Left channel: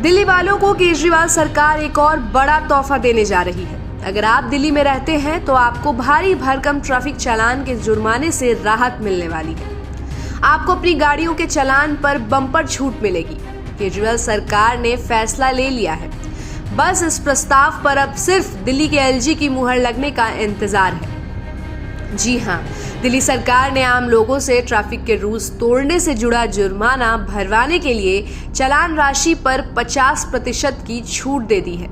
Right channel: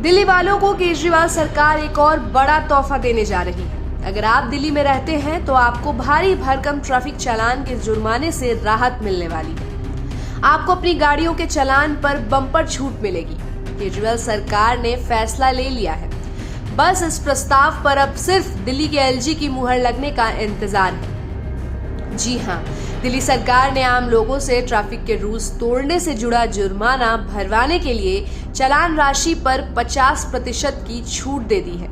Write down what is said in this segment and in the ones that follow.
दिल्ली वालों को केजरीवाल सरकार एक और बड़ा तोहफा देने जा रही है। अगर आप दिल्ली में रहते हैं तो आपको भारी भरकम ट्रैफिक चालान के जुर्माने से राहत मिलने वाली है। आपको अपनी गाड़ियों के चालान पर बम्पर छूट मिलेगी। केजरीवाल सरकार ने फैसला ले लिया है। बस इस प्रस्ताव पर अब सिर्फ दिल्ली के एलजी की मुहर लगने का इंतजार है। जी हाँ, दिल्ली सरकार ने आम लोगों से ट्रैफिक के रूल्स तोड़ने से जुड़ा जुर्माना भरवाने के लिए चालान राशि पर 50% की छूट दे दी है।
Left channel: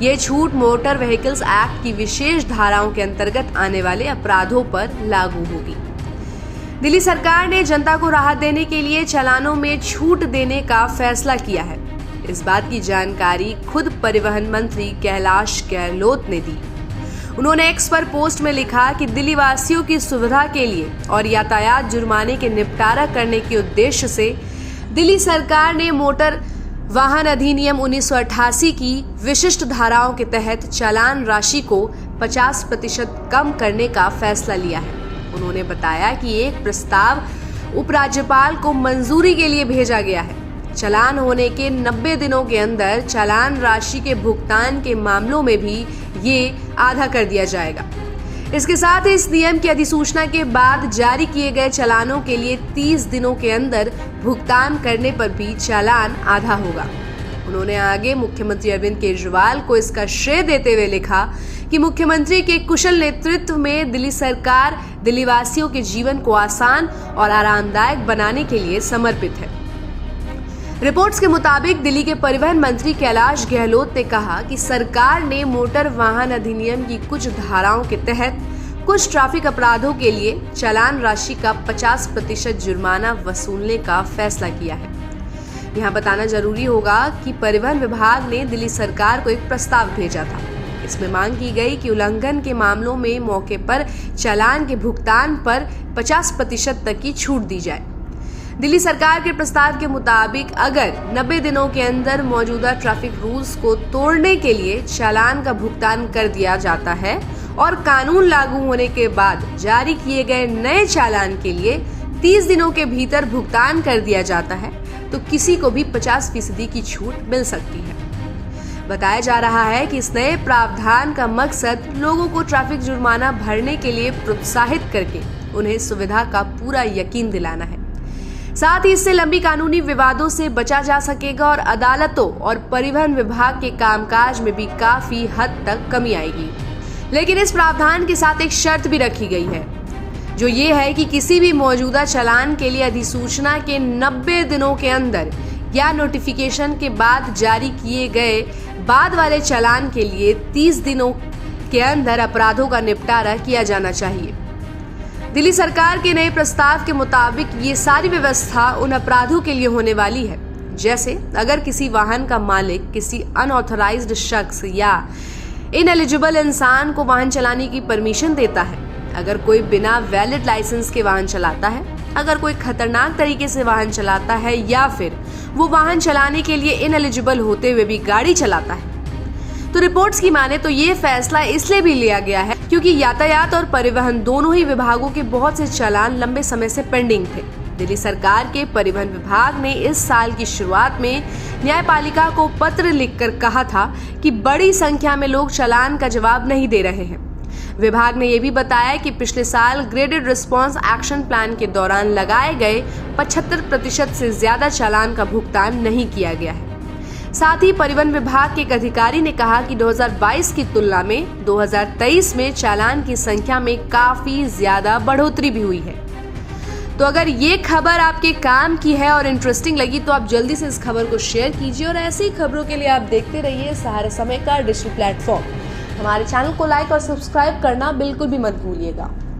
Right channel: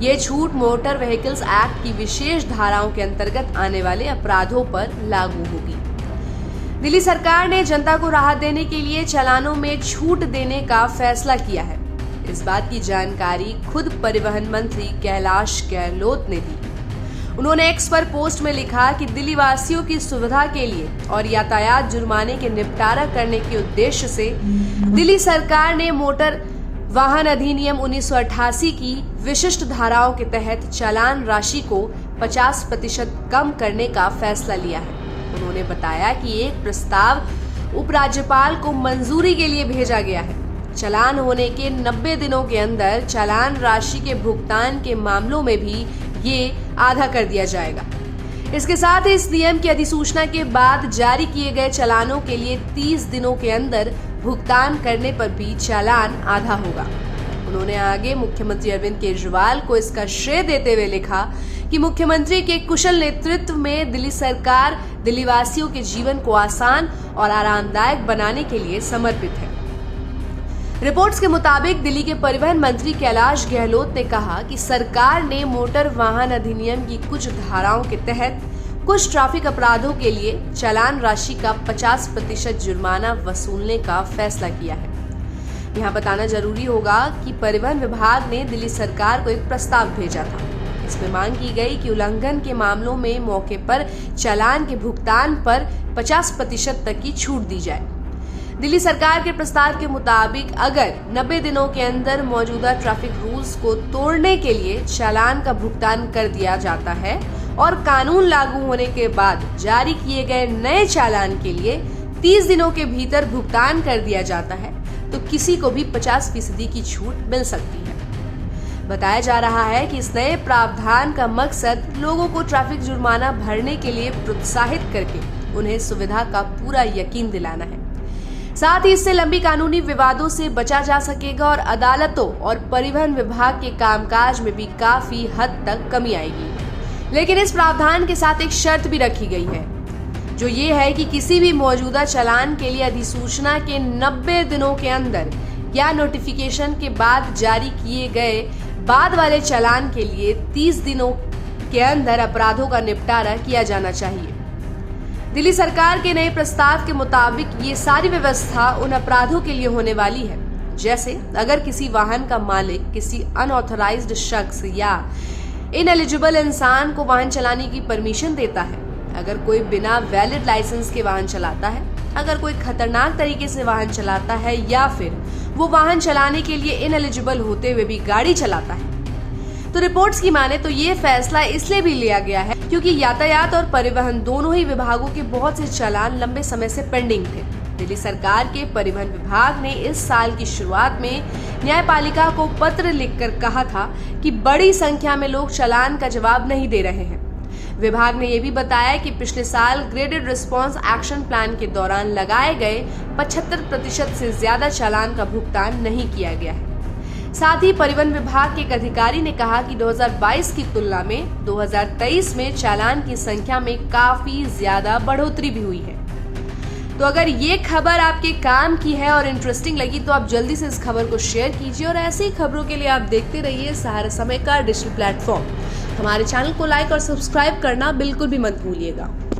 ये छूट मोटर व्हीकल्स एक्ट की विशेष धाराओं के अंतर्गत आने वाले अपराधों पर लागू होगी। दिल्ली सरकार ने जनता को राहत देने के लिए चालानों में छूट देने का फैसला किया है। इस बात की जानकारी खुद परिवहन मंत्री कैलाश गहलोत ने दी। उन्होंने एक्स पर पोस्ट में लिखा कि दिल्ली वासियों की सुविधा के लिए और यातायात जुर्माने के निपटारा करने के उद्देश्य से दिल्ली सरकार ने मोटर वाहन अधिनियम 1988 की विशिष्ट धाराओं के तहत चालान राशि को 50% कम करने का फैसला लिया है। उन्होंने बताया कि एक प्रस्ताव उपराज्यपाल को मंजूरी के लिए भेजा गया है। चालान होने के 90 दिनों के अंदर चालान राशि के भुगतान के मामलों में भी ये आधा कर दिया जाएगा। इसके साथ ही इस नियम की अधिसूचना के बाद जारी किए गए चालानों के लिए 30 दिनों के अंदर भुगतान करने पर भी चालान आधा होगा। उन्होंने आगे मुख्यमंत्री अरविंद केजरीवाल को इसका श्रेय देते हुए लिखा कि मुख्यमंत्री के कुशल नेतृत्व में दिल्ली सरकार दिल्ली वासियों के जीवन को आसान और आरामदायक बनाने के लिए समर्पित है। रिपोर्ट्स के मुताबिक दिल्ली के परिवहन मंत्री कैलाश गहलोत ने कहा कि सरकार ने मोटर वाहन अधिनियम की कुछ धाराओं के तहत कुछ ट्रैफिक अपराधों के लिए चालान राशि का 50% जुर्माना वसूलने का फैसला किया है। यहाँ बताना जरूरी होगा कि परिवहन विभाग ने दिल्ली सरकार को एक प्रस्ताव भेजा था। इसमें मांग की गई कि उल्लंघन के मामलों में मौके पर चालान के भुगतान पर 50% तक की छूट दी जाए। दिल्ली सरकार के प्रस्ताव के मुताबिक अगर 90 दिनों के अंदर मौजूदा ट्रैफिक रूल्स को तोड़ने के लिए चालान का भुगतान कर दिया जाता है और कानून लागू होने के बाद जारी किए गए नए चालान के लिए 30 दिनों के भीतर भुगतान कर दिया जाता है तो किसी को भी 50% की छूट मिल सकती है। बताया जा रहा है कि इस नए प्रावधान का मकसद लोगों को ट्रैफिक जुर्माना भरने के लिए प्रोत्साहित करके उन्हें सुविधा का पूरा यकीन दिलाना है। साथ ही इससे लंबी कानूनी विवादों से बचा जा सकेगा और अदालतों और परिवहन विभाग के कामकाज में भी काफी हद तक कमी आएगी। लेकिन इस प्रावधान के साथ एक शर्त भी रखी गई है, जो ये है कि किसी भी मौजूदा चालान के लिए अधिसूचना के 90 दिनों के अंदर या नोटिफिकेशन के बाद जारी किए गए बाद वाले चालान के लिए 30 दिनों के अंदर अपराधों का निपटारा किया जाना चाहिए। दिल्ली सरकार के नए प्रस्ताव के मुताबिक ये सारी व्यवस्था उन अपराधों के लिए होने वाली है, जैसे अगर किसी वाहन का मालिक किसी अनऑथराइज्ड शख्स या इनएलिजिबल इंसान को वाहन चलाने की परमिशन देता है, अगर कोई बिना वैलिड लाइसेंस के वाहन चलाता है, अगर कोई खतरनाक तरीके से वाहन चलाता है या फिर वो वाहन चलाने के लिए इनएलिजिबल होते हुए भी गाड़ी चलाता है। तो रिपोर्ट्स की माने तो ये फैसला इसलिए भी लिया गया है क्योंकि यातायात और परिवहन दोनों ही विभागों के बहुत से चालान लंबे समय से पेंडिंग थे। दिल्ली सरकार के परिवहन विभाग ने इस साल की शुरुआत में न्यायपालिका को पत्र लिखकर कहा था कि बड़ी संख्या में लोग चालान का जवाब नहीं दे रहे हैं। विभाग ने यह भी बताया कि पिछले साल ग्रेडेड रिस्पांस एक्शन प्लान के दौरान लगाए गए 75% से ज्यादा चालान का भुगतान नहीं किया गया है। साथ ही परिवहन विभाग के एक अधिकारी ने कहा कि 2022 की तुलना में 2023 में चालान की संख्या में काफी ज्यादा बढ़ोतरी भी हुई है। तो अगर ये खबर आपके काम की है और इंटरेस्टिंग लगी तो आप जल्दी से इस खबर को शेयर कीजिए और ऐसी ही खबरों के लिए आप देखते रहिए सहारा समय का डिजिटल प्लेटफॉर्म। हमारे चैनल को लाइक और सब्सक्राइब करना बिल्कुल भी मत भूलिएगा।